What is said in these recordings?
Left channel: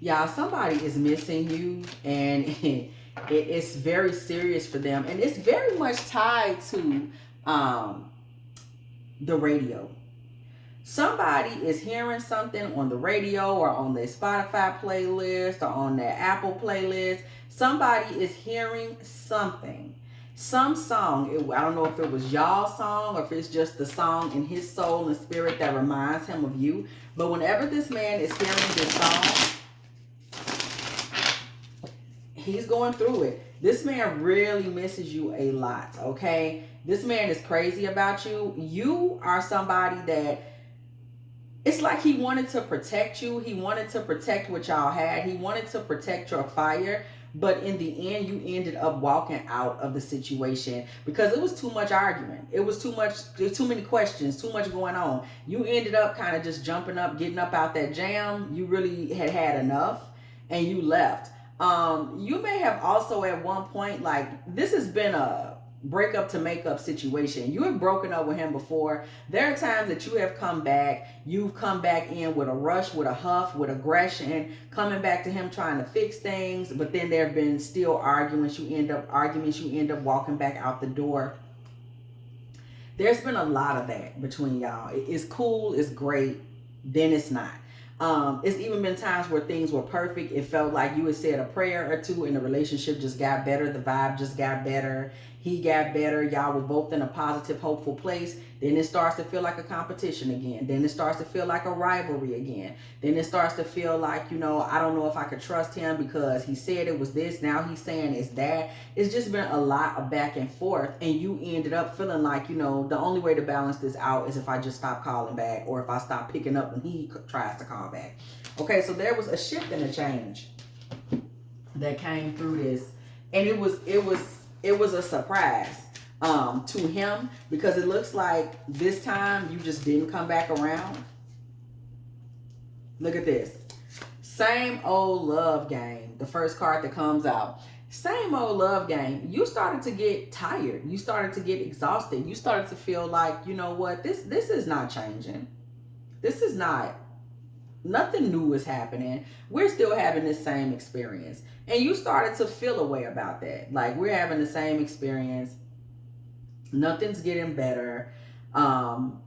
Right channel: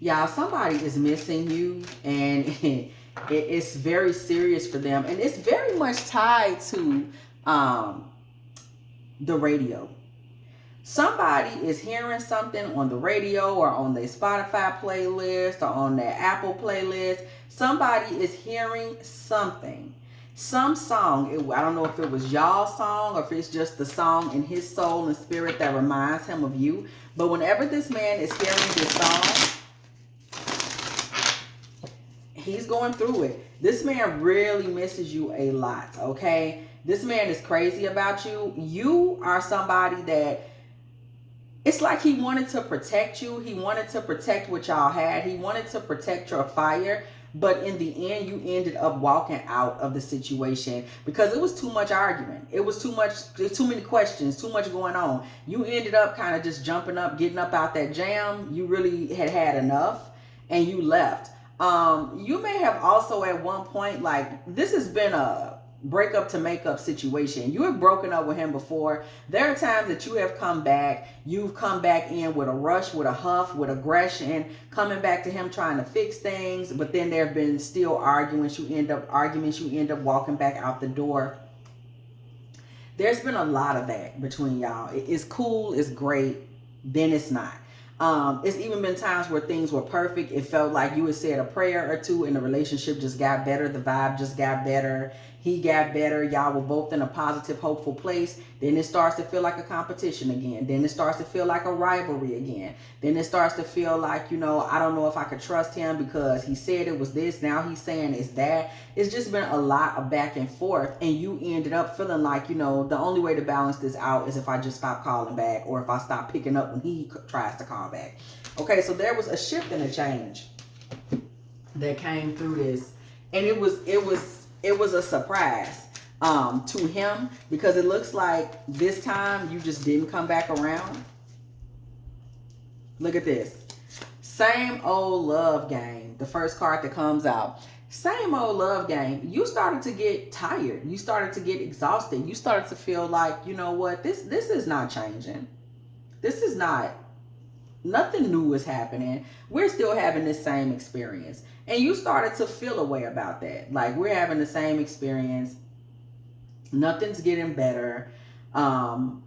Y'all, somebody is missing you, and it's very serious for them, and it's very much tied to um, the radio. Somebody is hearing something on the radio or on their Spotify playlist or on their Apple playlist. Somebody is hearing something, some song. I don't know if it was y'all's song or if it's just the song in his soul and spirit that reminds him of you. But whenever this man is hearing this song, he's going through it. This man really misses you a lot, okay? This man is crazy about you. You are somebody that it's like he wanted to protect you. He wanted to protect what y'all had. He wanted to protect your fire. But in the end, you ended up walking out of the situation because it was too much argument. It was too much, too many questions, too much going on. You ended up kind of just jumping up, getting up out that jam. You really had enough and you left. You may have also at one point, like, this has been a breakup to make up situation. You have broken up with him before. There are times that you have come back. You've come back in with a rush, with a huff, with aggression, coming back to him trying to fix things. But then there have been still arguments. You end up walking back out the door. There's been a lot of that between y'all. It's cool. It's great. Then it's not. It's even been times where things were perfect. It felt like you had said a prayer or two and the relationship just got better. The vibe just got better. He got better. Y'all were both in a positive, hopeful place. Then it starts to feel like a competition again. Then it starts to feel like a rivalry again. Then it starts to feel like, I don't know if I could trust him because he said it was this. Now he's saying it's that. It's just been a lot of back and forth. And you ended up feeling like, the only way to balance this out is if I just stop calling back or if I stop picking up when he tries to call back. Okay, so there was a shift and a change that came through this. And it was a surprise to him because it looks like this time you just didn't come back around. Look at this. Same old love game. The first card that comes out. Same old love game. You started to get tired. You started to get exhausted. You started to feel like, you know what? This is not changing. This is not. Nothing new is happening. We're still having this same experience. And you started to feel a way about that. Like, we're having the same experience. Nothing's getting better. I'm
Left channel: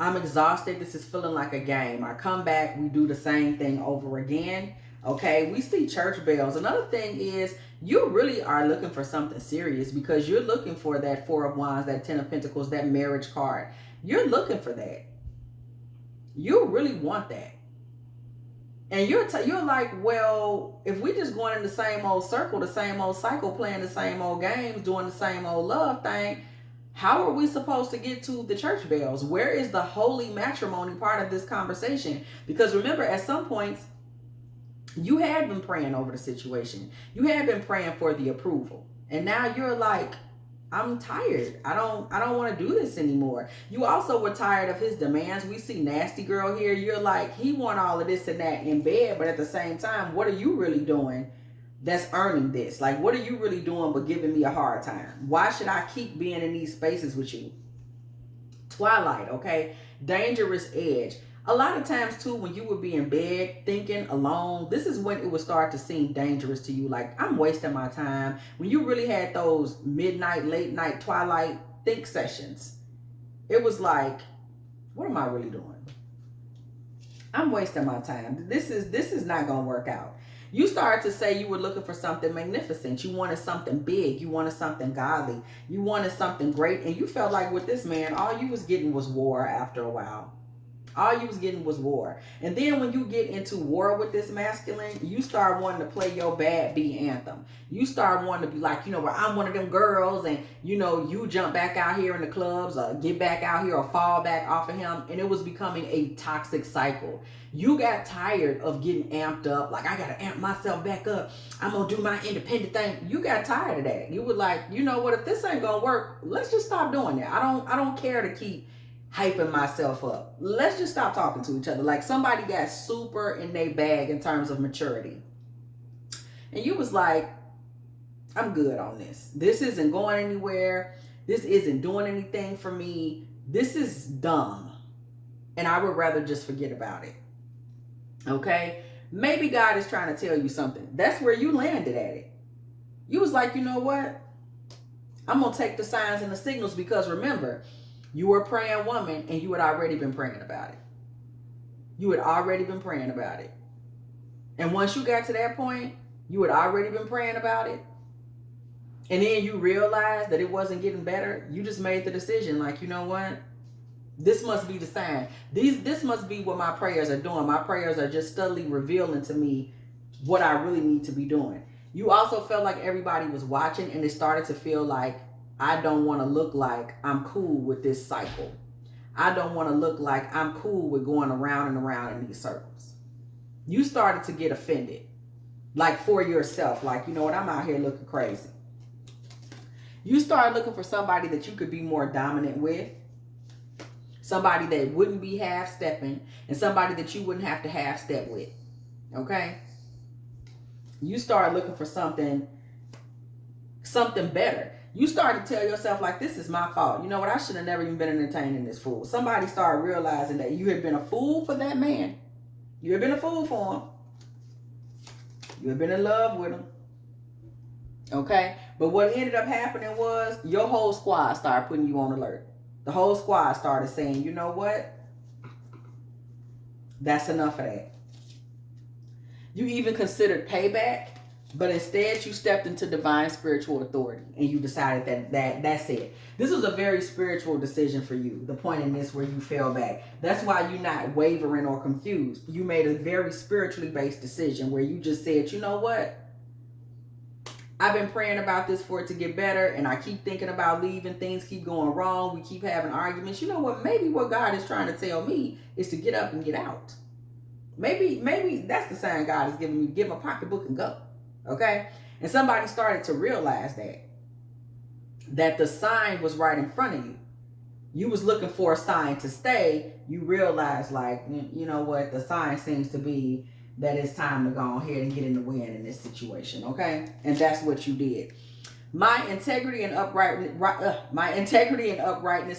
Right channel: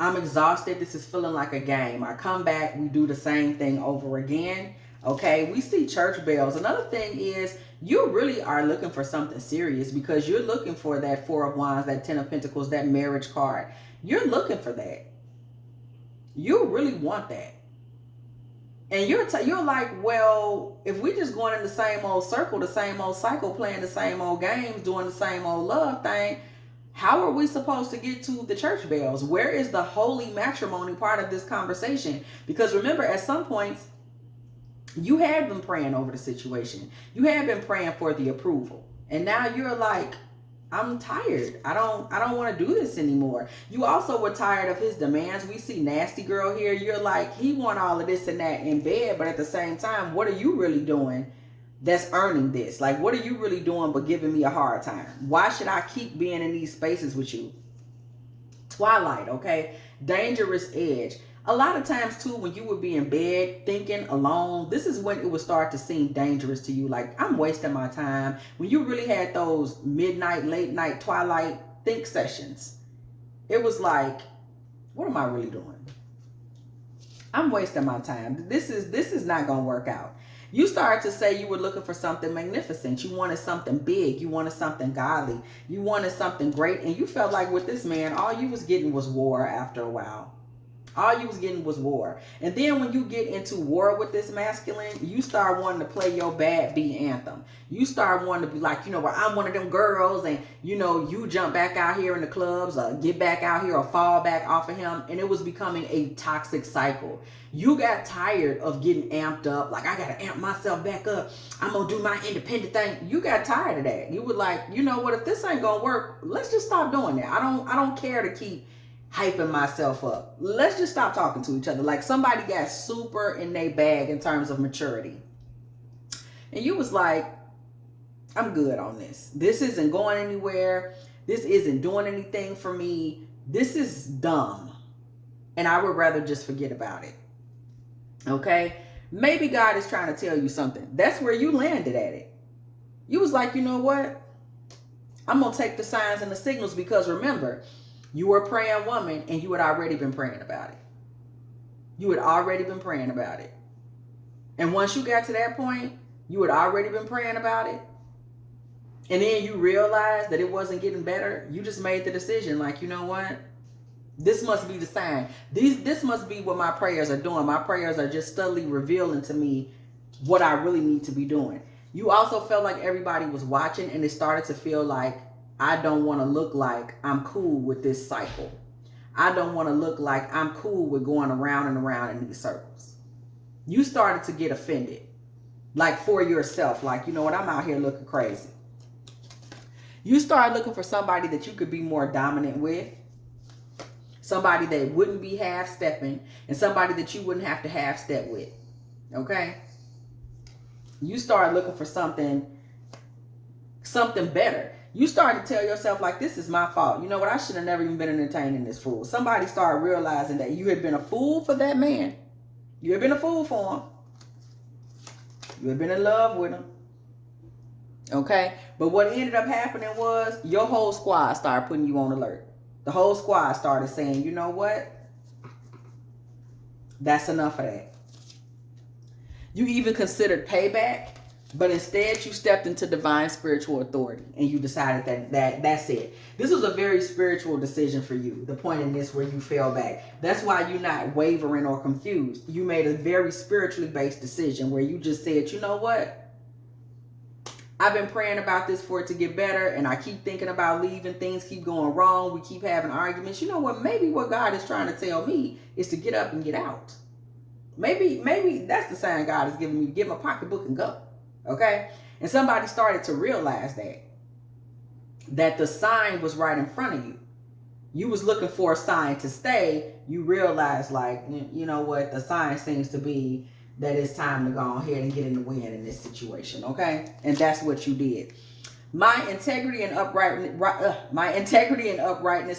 exhausted. This is feeling like a game. I come back. We do the same thing over again. Okay. We see church bells. Another thing is you really are looking for something serious because you're looking for that Four of Wands, that Ten of Pentacles, that marriage card. You're looking for that. You really want that. And you're like, well, if we just going in the same old circle, the same old cycle, playing the same old games, doing the same old love thing, how are we supposed to get to the church bells? Where is the holy matrimony part of this conversation? Because remember, at some points, you had been praying over the situation. You had been praying for the approval. And now you're like, I'm tired. I don't want to do this anymore. You also were tired of his demands. We see nasty girl here. You're like, he want all of this and that in bed, but at the same time, what are you really doing that's earning this? Like, what are you really doing but giving me a hard time? Why should I keep being in these spaces with you? Twilight, okay? Dangerous edge. A lot of times too, when you would be in bed thinking alone, this is when it would start to seem dangerous to you. Like, I'm wasting my time. When you really had those midnight, late night, twilight think sessions, it was like, what am I really doing? I'm wasting my time. This is not going to work out. You started to say you were looking for something magnificent. You wanted something big. You wanted something godly. You wanted something great. And you felt like with this man, all you was getting was war after a while. All you was getting was war. And then when you get into war with this masculine, you start wanting to play your bad B anthem. You start wanting to be like, well, I'm one of them girls, and you jump back out here in the clubs, or get back out here or fall back off of him. And it was becoming a toxic cycle. You got tired of getting amped up. Like, I got to amp myself back up. I'm going to do my independent thing. You got tired of that. You were like, you know what, if this ain't going to work, let's just stop doing that. I don't care to keep hyping myself up. Let's just stop talking to each other. Like, somebody got super in their bag in terms of maturity. And you was like, I'm good on this. This isn't going anywhere. This isn't doing anything for me. This is dumb. And I would rather just forget about it. Okay? Maybe God is trying to tell you something. That's where you landed at it. You was like, you know what? I'm going to take the signs and the signals, because remember, you were a praying woman and you had already been praying about it. You had already been praying about it. And once you got to that point, you had already been praying about it. And then you realized that it wasn't getting better. You just made the decision, like, you know what? This must be the sign. This must be what my prayers are doing. My prayers are just steadily revealing to me what I really need to be doing. You also felt like everybody was watching, and it started to feel like, I don't want to look like I'm cool with this cycle. I don't want to look like I'm cool with going around and around in these circles. You started to get offended, like for yourself, like, you know what, I'm out here looking crazy. You started looking for somebody that you could be more dominant with, somebody that wouldn't be half-stepping, and somebody that you wouldn't have to half-step with, okay? You started looking for something better. You started to tell yourself, like, this is my fault. You know what? I should have never even been entertaining this fool. Somebody started realizing that you had been a fool for that man. You had been a fool for him. You had been in love with him. Okay? But what ended up happening was your whole squad started putting you on alert. The whole squad started saying, you know what? That's enough of that. You even considered payback, but instead you stepped into divine spiritual authority and you decided that's it. This was a very spiritual decision for you, the point in this where you fell back. That's why you're not wavering or confused. You made a very spiritually based decision where you just said, you know what? I've been praying about this for it to get better, and I keep thinking about leaving. Things keep going wrong. We keep having arguments. You know what? Maybe what God is trying to tell me is to get up and get out. Maybe that's the sign God is giving me, to get my pocketbook and go. Okay? And somebody started to realize that the sign was right in front of you. You was looking for a sign to stay. You realized, like, you know what? The sign seems to be that it's time to go ahead and get in the win in this situation. Okay? And that's what you did. My integrity and uprightness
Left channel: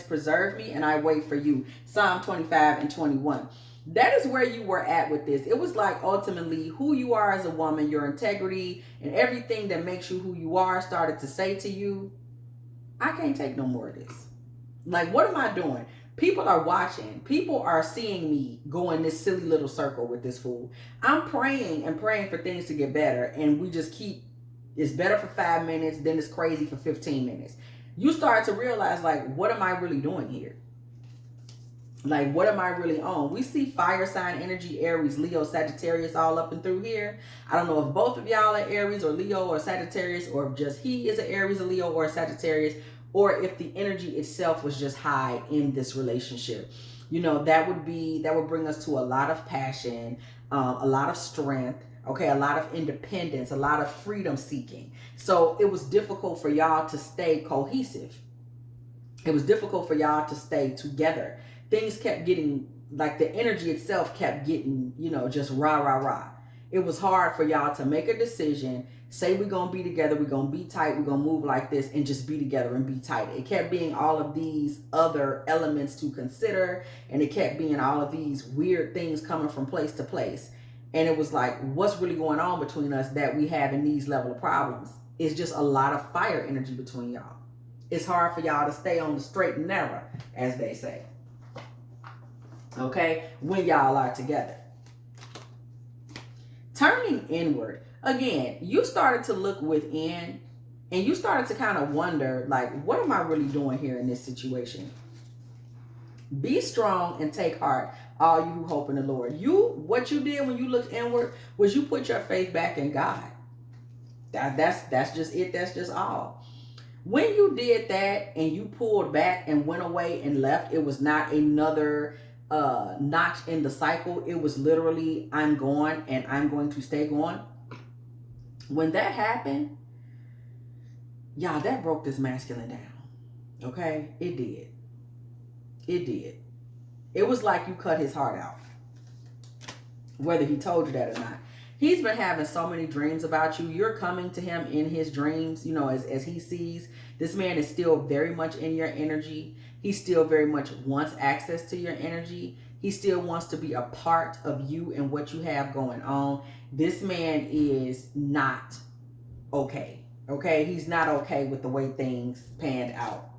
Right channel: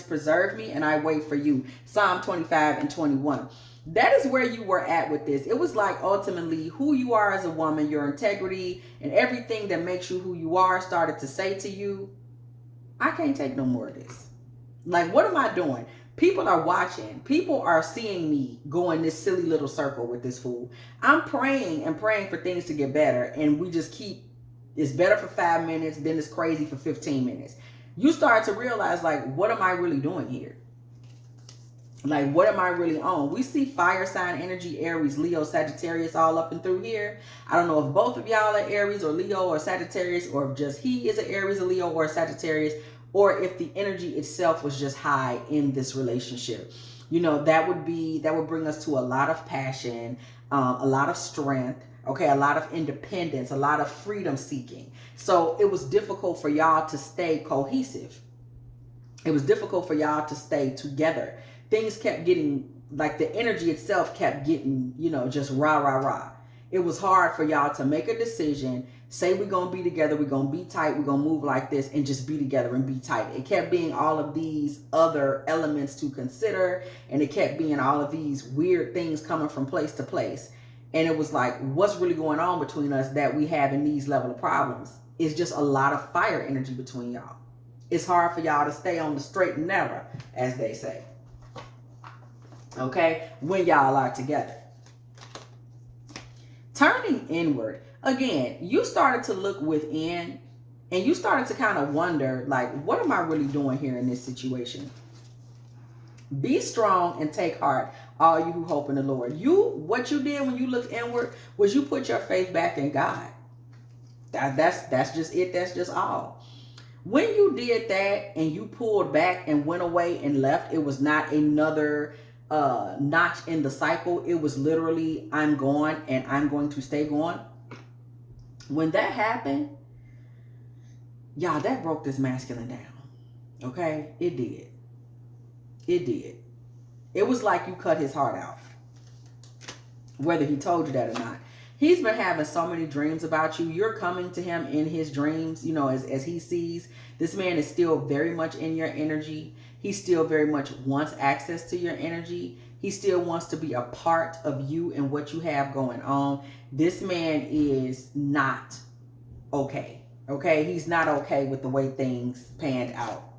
preserve me, and I wait for you. Psalm 25 and 21. That is where you were at with this. It was like ultimately who you are as a woman, your integrity, and everything that makes you who you are started to say to you, I can't take no more of this. Like, what am I doing? People are watching. People are seeing me go in this silly little circle with this fool. I'm praying and praying for things to get better, and we just keep, it's better for 5 minutes, then it's crazy for 15 minutes. You start to realize, like, what am I really doing here? Like, what am I really on? We see fire sign energy, Aries, Leo, Sagittarius all up and through here. I don't know if both of y'all are Aries or Leo or Sagittarius, or if just he is an Aries, a Leo, or a Sagittarius, or if the energy itself was just high in this relationship. You know, that would bring us to a lot of passion, a lot of strength, okay, a lot of independence, a lot of freedom seeking. So it was difficult for y'all to stay cohesive. It was difficult for y'all to stay together. Things kept getting, like, the energy itself kept getting, you know, just rah, rah, rah. It was hard for y'all to make a decision, say we're going to be together, we're going to be tight, we're going to move like this, and just be together and be tight. It kept being all of these other elements to consider, and it kept being all of these weird things coming from place to place. And it was like, what's really going on between us that we having these level of problems? It's just a lot of fire energy between y'all. It's hard for y'all to stay on the straight and narrow, as they say. Okay, when y'all are together. Turning inward. Again, you started to look within, and you started to kind of wonder, like, what am I really doing here in this situation? Be strong and take heart, all you who hope in the Lord. What you did when you looked inward was you put your faith back in God. That's just it. That's just all. When you did that and you pulled back and went away and left, it was not another notch in the cycle. It was literally, I'm going and I'm going to stay going. When that happened, y'all, that broke this masculine down. Okay? It did. It did. It was like you cut his heart out. Whether he told you that or not. He's been having so many dreams about you. You're coming to him in his dreams, you know, as he sees. This man is still very much in your energy. He still very much wants access to your energy. He still wants to be a part of you and what you have going on. This man is not okay. Okay, he's not okay with the way things panned out.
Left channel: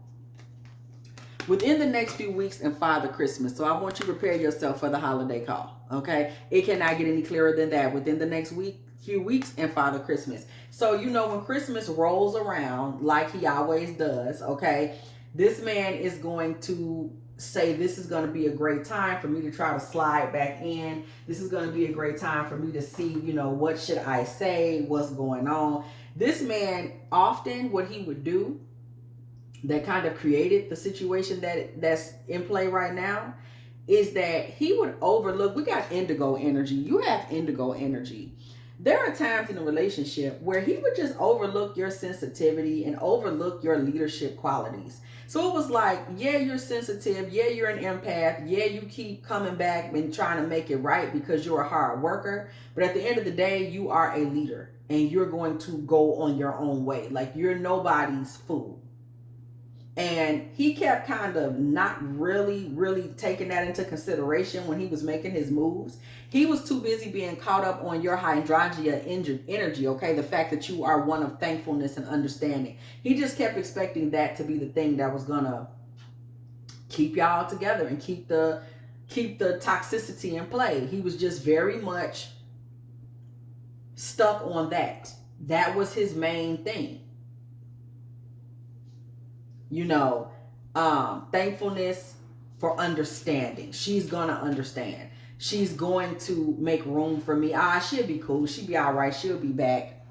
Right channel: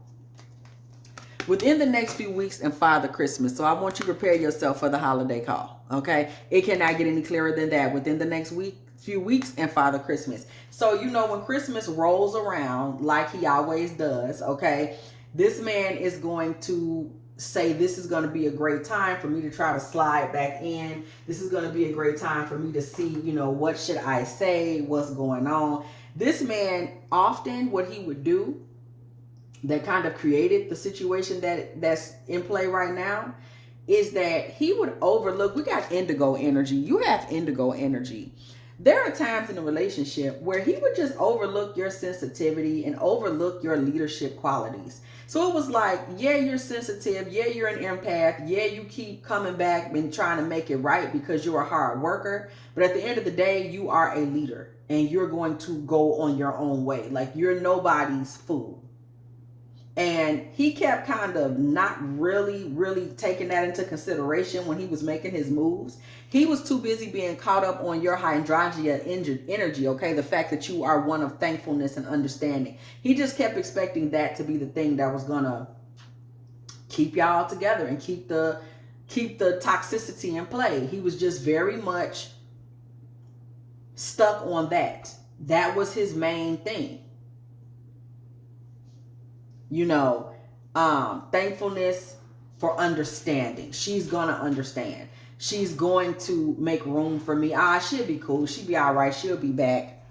Within the next few weeks and Father Christmas. So I want you to prepare yourself for the holiday call. Okay, it cannot get any clearer than that. Within the next few weeks and Father Christmas. So you know, when Christmas rolls around, like he always does, okay, this man is going to say, this is going to be a great time for me to try to slide back in. This is going to be a great time for me to see, you know, what should I say, what's going on. This man, often what he would do that kind of created the situation that's in play right now is that he would overlook. We got indigo energy. You have indigo energy. There are times in a relationship where he would just overlook your sensitivity and overlook your leadership qualities. So it was like, yeah, you're sensitive. Yeah, you're an empath. Yeah, you keep coming back and trying to make it right because you're a hard worker. But at the end of the day, you are a leader and you're going to go on your own way. Like, you're nobody's fool. And he kept kind of not really taking that into consideration when he was making his moves. He was too busy being caught up on your hydrangea energy, okay? The fact that you are one of thankfulness and understanding. He just kept expecting that to be the thing that was gonna keep y'all together and keep the toxicity in play. He was just very much stuck on that. That was his main thing. You know, thankfulness for understanding. She's gonna understand. She's going to make room for me. She'll be cool. She'll be all right. She'll be back.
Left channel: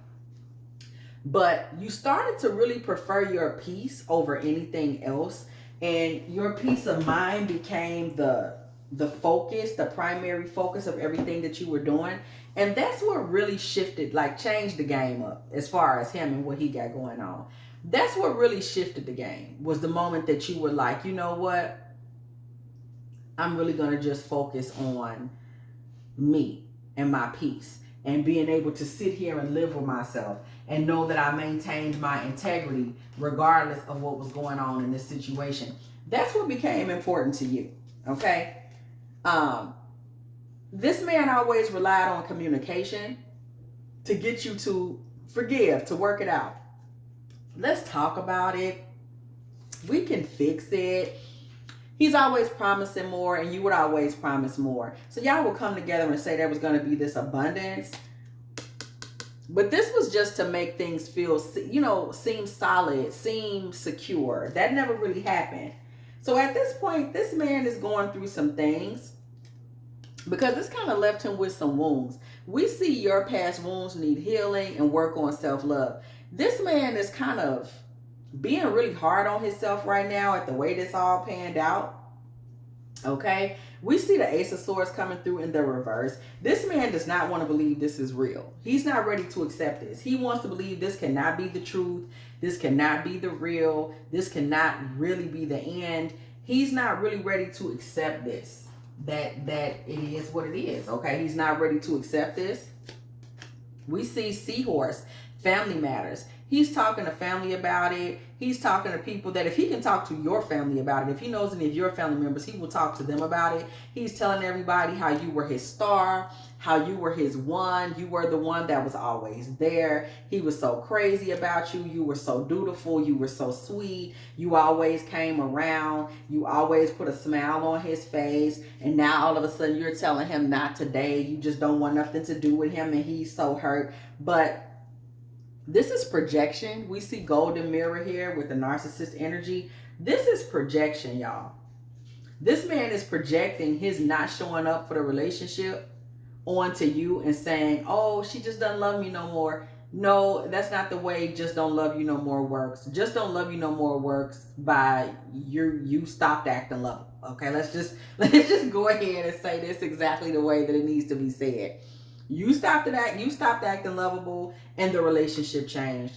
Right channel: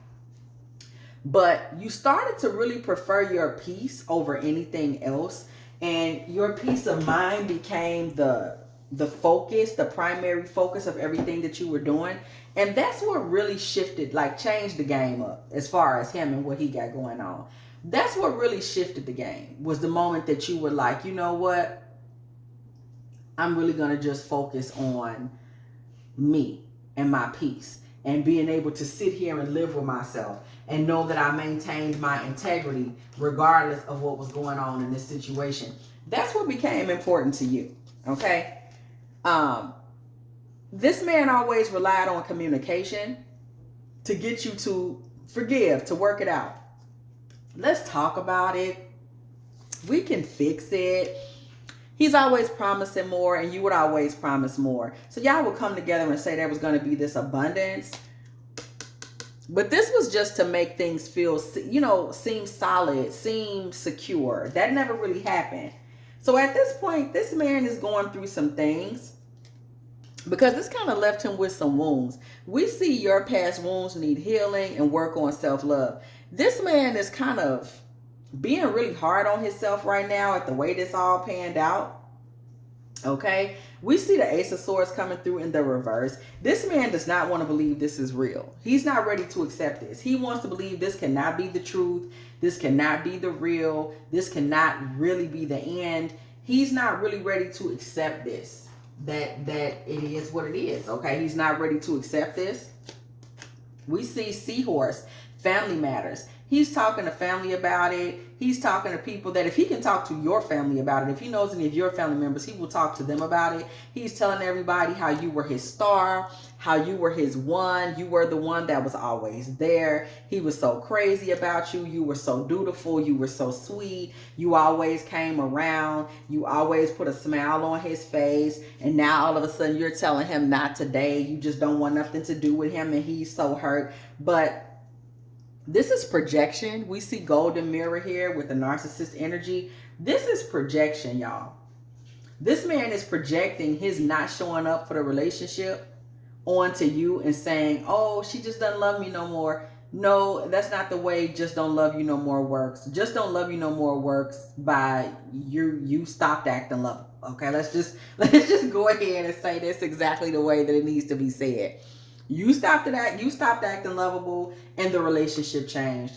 But you started to really prefer your peace over anything else. And your peace of mind became the focus, the primary focus of everything that you were doing. And that's what really shifted, like changed the game up as far as him and what he got going on. That's what really shifted the game, was the moment that you were like, you know what? I'm really going to just focus on me and my peace and being able to sit here and live with myself and know that I maintained my integrity regardless of what was going on in this situation. That's what became important to you, okay? This man always relied on communication to get you to forgive, to work it out. Let's talk about it. We can fix it. He's always promising more, and you would always promise more. So y'all would come together and say there was going to be this abundance. But this was just to make things feel, you know, seem solid, seem secure. That never really happened. So at this point, this man is going through some things because this kind of left him with some wounds. We see your past wounds need healing and work on self-love. This man is kind of being really hard on himself right now at the way this all panned out. Okay, we see the Ace of Swords coming through in the reverse. This man does not want to believe this is real. He's not ready to accept this. He wants to believe this cannot be the truth. This cannot be the real. This cannot really be the end. He's not really ready to accept this. That it is what it is. Okay, he's not ready to accept this. We see Seahorse, family matters. He's talking to family about it. He's talking to people that if he can talk to your family about it, if he knows any of your family members, he will talk to them about it. He's telling everybody how you were his star, how you were his one. You were the one that was always there. He was so crazy about you. You were so dutiful. You were so sweet. You always came around. You always put a smile on his face. And now all of a sudden you're telling him not today. You just don't want nothing to do with him and he's so hurt. But this is projection. We see golden mirror here with the narcissist energy. This is projection, y'all. This man is projecting his not showing up for the relationship onto you and saying, oh, she just doesn't love me no more. No, that's not the way just don't love you no more works. Just don't love you no more works by you stopped acting lovable. Okay, let's just go ahead and say this exactly the way that it needs to be said. You stopped acting lovable and the relationship changed.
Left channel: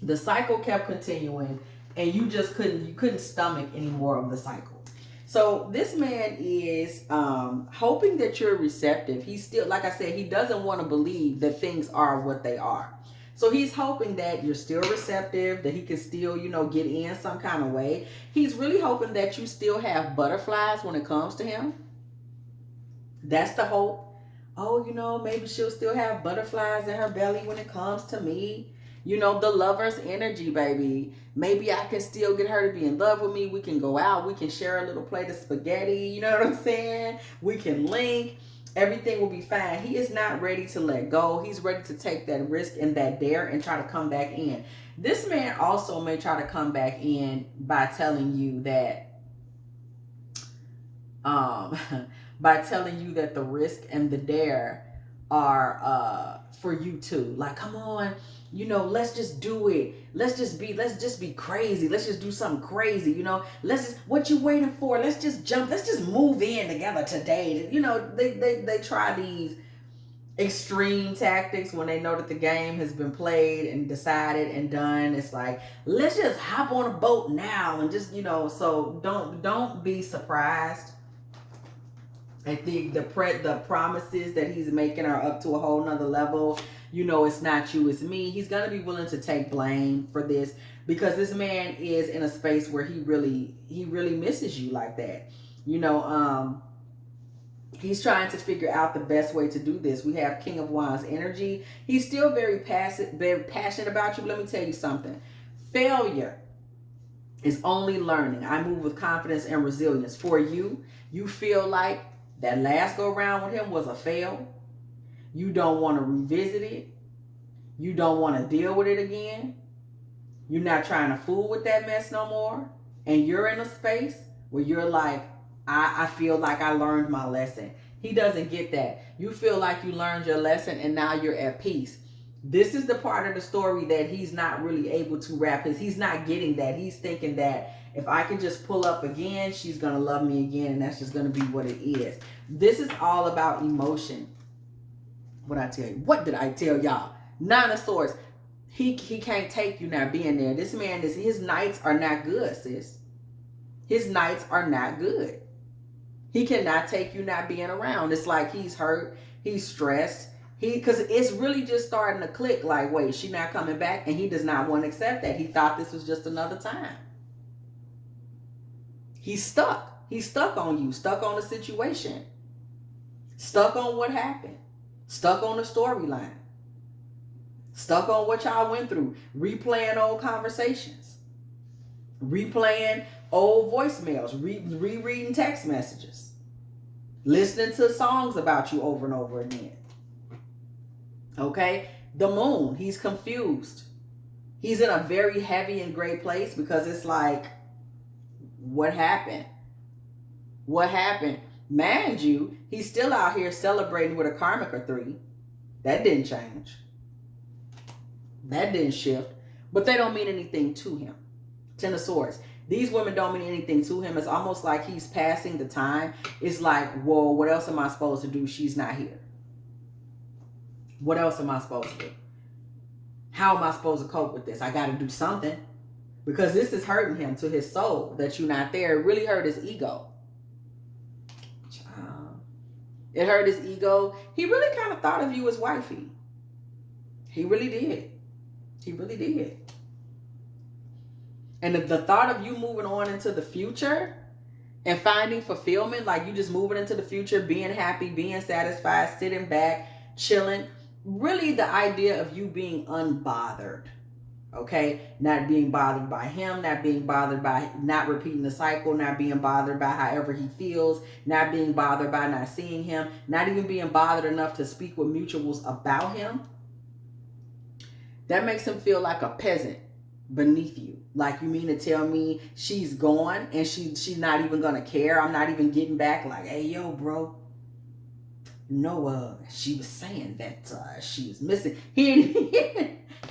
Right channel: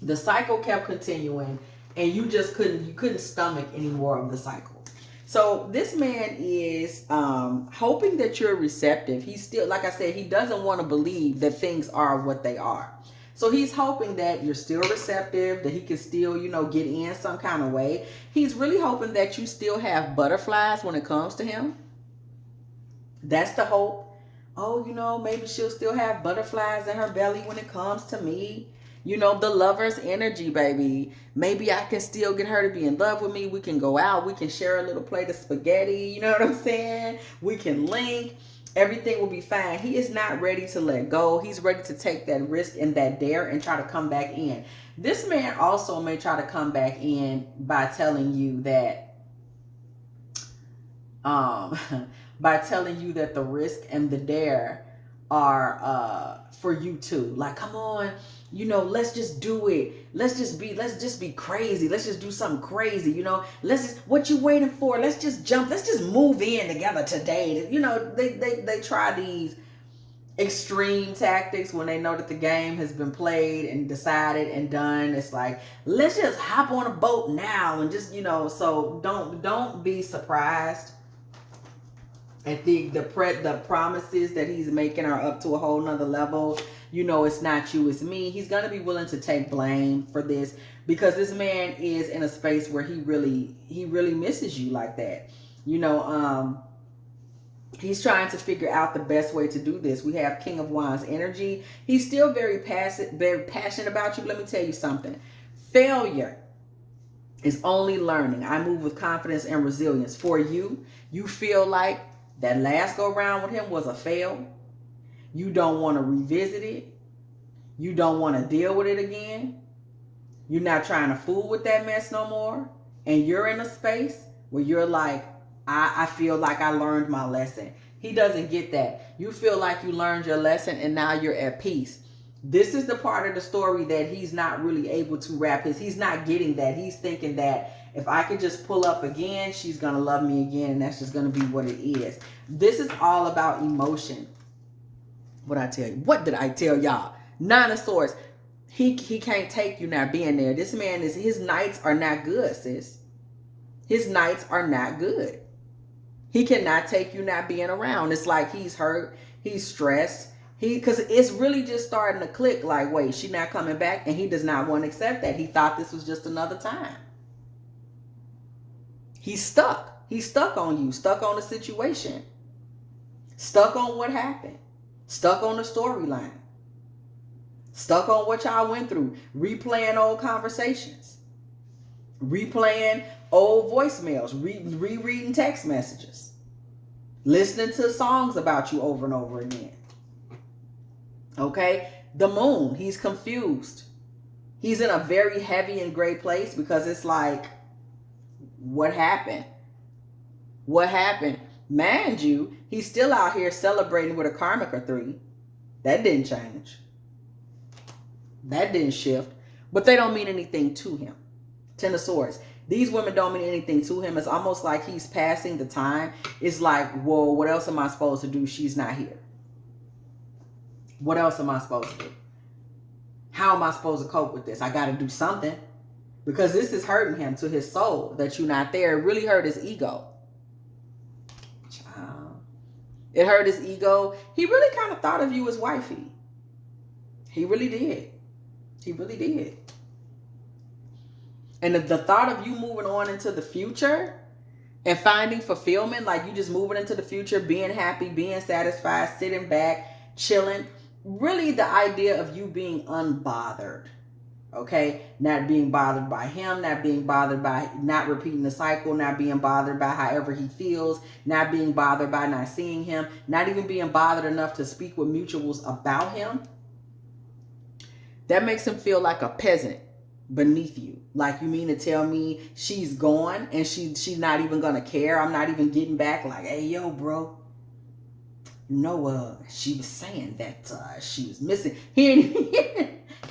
The cycle kept continuing and you just couldn't stomach any more of the cycle. So this man is hoping that you're receptive. He's still, like I said, he doesn't want to believe that things are what they are. So he's hoping that you're still receptive, that he can still, get in some kind of way. He's really hoping that you still have butterflies when it comes to him. That's the hope. Oh, maybe she'll still have butterflies in her belly when it comes to me. The lover's energy, baby. Maybe I can still get her to be in love with me. We can go out. We can share a little plate of spaghetti. You know what I'm saying? We can link. Everything will be fine. He is not ready to let go. He's ready to take that risk and that dare and try to come back in. This man also may try to come back in by telling you that the risk and the dare are for you too. Like, come on, let's just do it. Let's just be crazy. Let's just do something crazy. What you waiting for? Let's just jump. Let's just move in together today. They try these extreme tactics when they know that the game has been played and decided and done. It's like, let's just hop on a boat now and just, so don't be surprised. I think the promises that he's making are up to a whole nother level. It's not you, it's me. He's going to be willing to take blame for this because this man is in a space where he really misses you like that. He's trying to figure out the best way to do this. We have King of Wands energy. He's still very passionate about you. But let me tell you something. Failure is only learning. I move with confidence and resilience. For you, you feel like that last go round with him was a fail. You don't want to revisit it. You don't want to deal with it again. You're not trying to fool with that mess no more. And you're in a space where you're like, I feel like I learned my lesson. He doesn't get that. You feel like you learned your lesson and now you're at peace. This is the part of the story that he's not really able to he's not getting that. He's thinking that if I can just pull up again, she's going to love me again. And that's just going to be what it is. This is all about emotion. What I tell you? What did I tell y'all? Nine of Swords. He can't take you not being there. This man his nights are not good, sis. His nights are not good. He cannot take you not being around. It's like he's hurt. He's stressed. Because it's really just starting to click like, wait, she not coming back? And he does not want to accept that. He thought this was just another time. He's stuck. He's stuck on you, stuck on the situation, stuck on what happened, stuck on the storyline, stuck on what y'all went through, replaying old conversations, replaying old voicemails, rereading text messages, listening to songs about you over and over again. Okay? The Moon, he's confused. He's in a very heavy and gray place because it's like, what happened? What happened? Mind you, he's still out here celebrating with a Karmica 3. That didn't change. That didn't shift. But they don't mean anything to him. Ten of Swords. These women don't mean anything to him. It's almost like he's passing the time. It's like, whoa, what else am I supposed to do? She's not here. What else am I supposed to do? How am I supposed to cope with this? I got to do something. Because this is hurting him to his soul that you're not there. It really hurt his ego. It hurt his ego. He really kind of thought of you as wifey. He really did. He really did. And the thought of you moving on into the future and finding fulfillment, like you just moving into the future, being happy, being satisfied, sitting back, chilling. Really the idea of you being unbothered. Okay, not being bothered by him, not being bothered by not repeating the cycle, not being bothered by however he feels, not being bothered by not seeing him, not even being bothered enough to speak with mutuals about him. That makes him feel like a peasant beneath you. Like, you mean to tell me she's gone and she's not even gonna care? I'm not even getting back like, hey, yo, bro. She was saying that she was missing.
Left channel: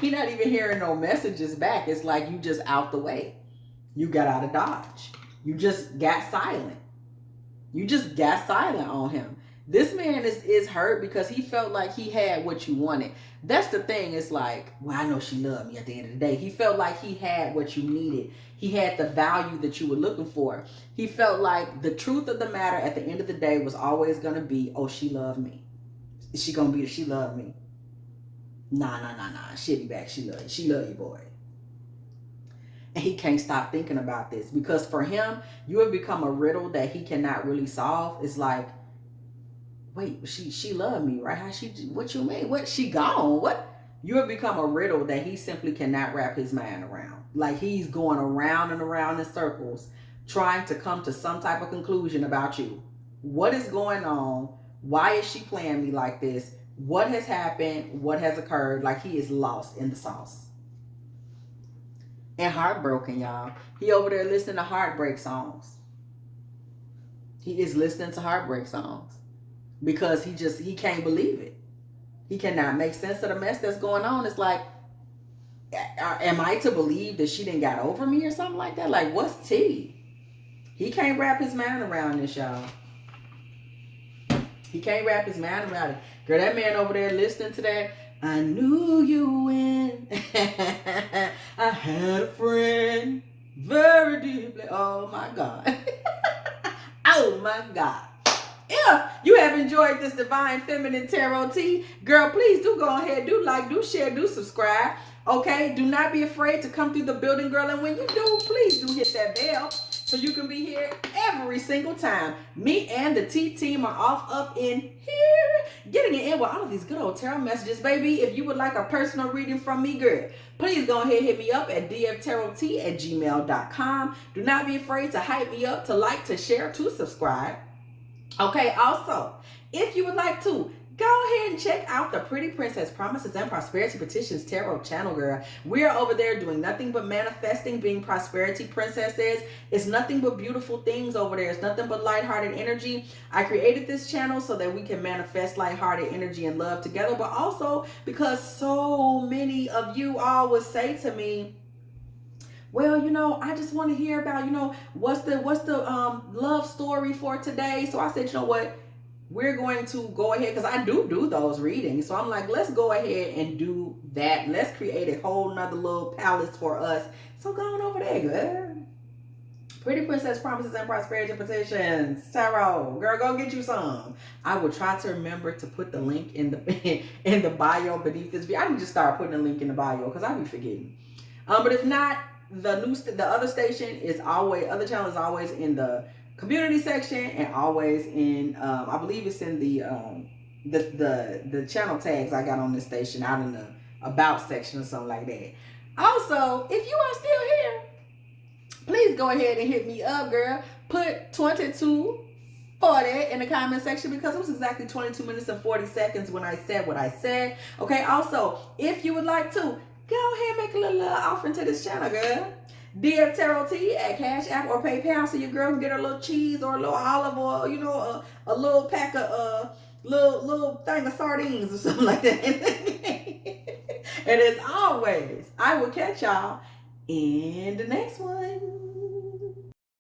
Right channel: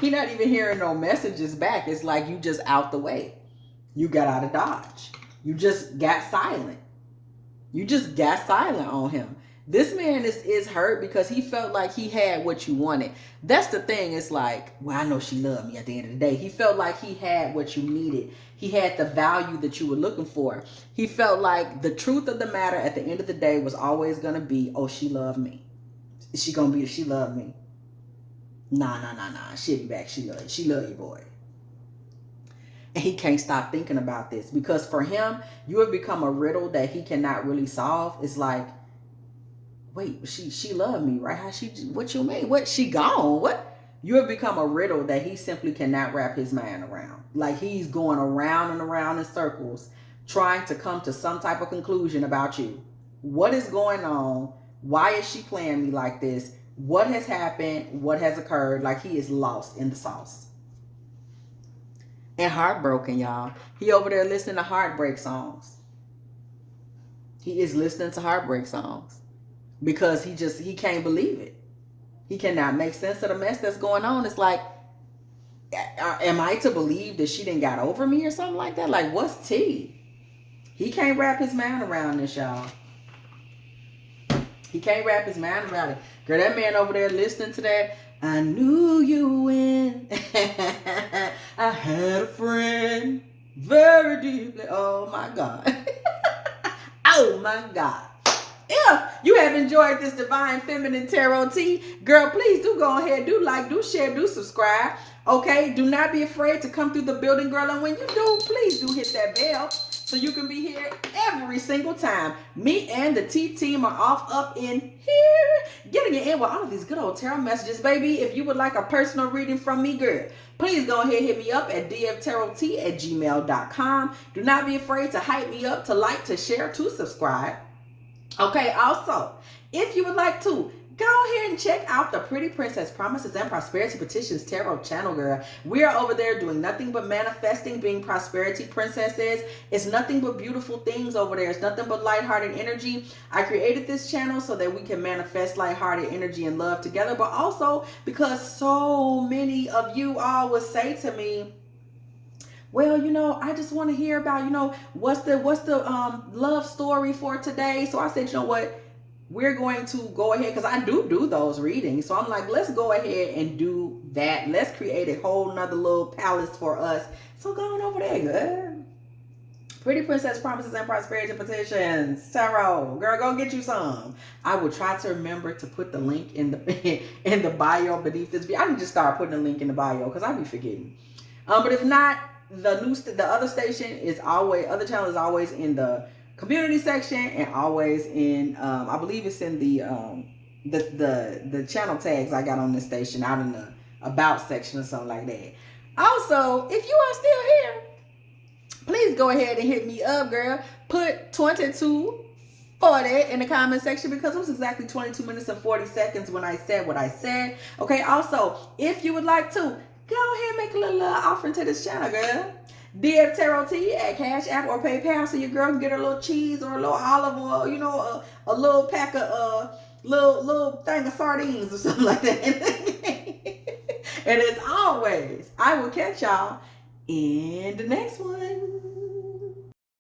He not even hearing no messages back. It's like you just out the way. You got out of Dodge. You just got silent. You just got silent on him. This man is hurt because he felt like he had what you wanted. That's the thing. It's like, well, I know she loved me at the end of the day. He felt like he had what you needed. He had the value that you were looking for. He felt like the truth of the matter at the end of the day was always going to be, oh, she loved me. She loved me. Nah. She'll be back. She love you, boy. And he can't stop thinking about this because for him, you have become a riddle that he cannot really solve. It's like, wait, she loved me, right? What you mean? What, she gone? What? You have become a riddle that he simply cannot wrap his mind around. Like he's going around and around in circles trying to come to some type of conclusion about you. What is going on? Why is she playing me like this? What has happened? What has occurred? Like he is lost in the sauce. And heartbroken, y'all. He over there listening to heartbreak songs. He is listening to heartbreak songs because he can't believe it. He cannot make sense of the mess that's going on. It's like, am I to believe that she didn't got over me or something like that? Like, what's tea? He can't wrap his mind around this, y'all. He can't wrap his mind around it. Girl, that man over there listening to that, I knew you when I had a friend very deeply. Oh my God. Oh my God. If you have enjoyed this Divine Feminine Tarot Tea, girl, please do go ahead, do like, do share, do subscribe. Okay, do not be afraid to come through the building, girl. And when you do, please do hit that bell so you can be here every single time. Me and the T team are off up in here, getting it in with all of these good old tarot messages, baby. If you would like a personal reading from me, girl, please go ahead, hit me up at dftarottea@gmail.com. Do not be afraid to hype me up, to like, to share, to subscribe. Okay, also, if you would like to, go ahead and check out the Pretty Princess Promises and Prosperity Petitions Tarot channel, girl. We are over there doing nothing but manifesting, being prosperity princesses. It's nothing but beautiful things over there. It's nothing but lighthearted energy. I created this channel so that we can manifest lighthearted energy and love together, but also because so many of you all would say to me, well, you know, I just want to hear about, you know, what's the love story for today. So I said, you know what? We're going to go ahead, because I do those readings. So I'm like, let's go ahead and do that. Let's create a whole nother little palace for us. So go on over there, girl. Pretty Princess Promises and Prosperity Petitions Tarot. Girl, go get you some. I will try to remember to put the link in the bio beneath this video. I can just start putting a link in the bio because I be forgetting. But if not, the other station is always, other channel is always in the community section and always in I believe it's in the channel tags I got on this station out in the about section or something like that. Also, if you are still here, please go ahead and hit me up, girl. Put 2240 in the comment section because it was exactly 22 minutes and 40 seconds when I said what I said. Okay, also, if you would like to, go ahead and make a little offering to this channel, girl. dftarottea at Cash App or PayPal, so your girl can get her a little cheese or a little olive oil, you know, a little pack of little thing of sardines or something like that. And as always, I will catch y'all in the next one.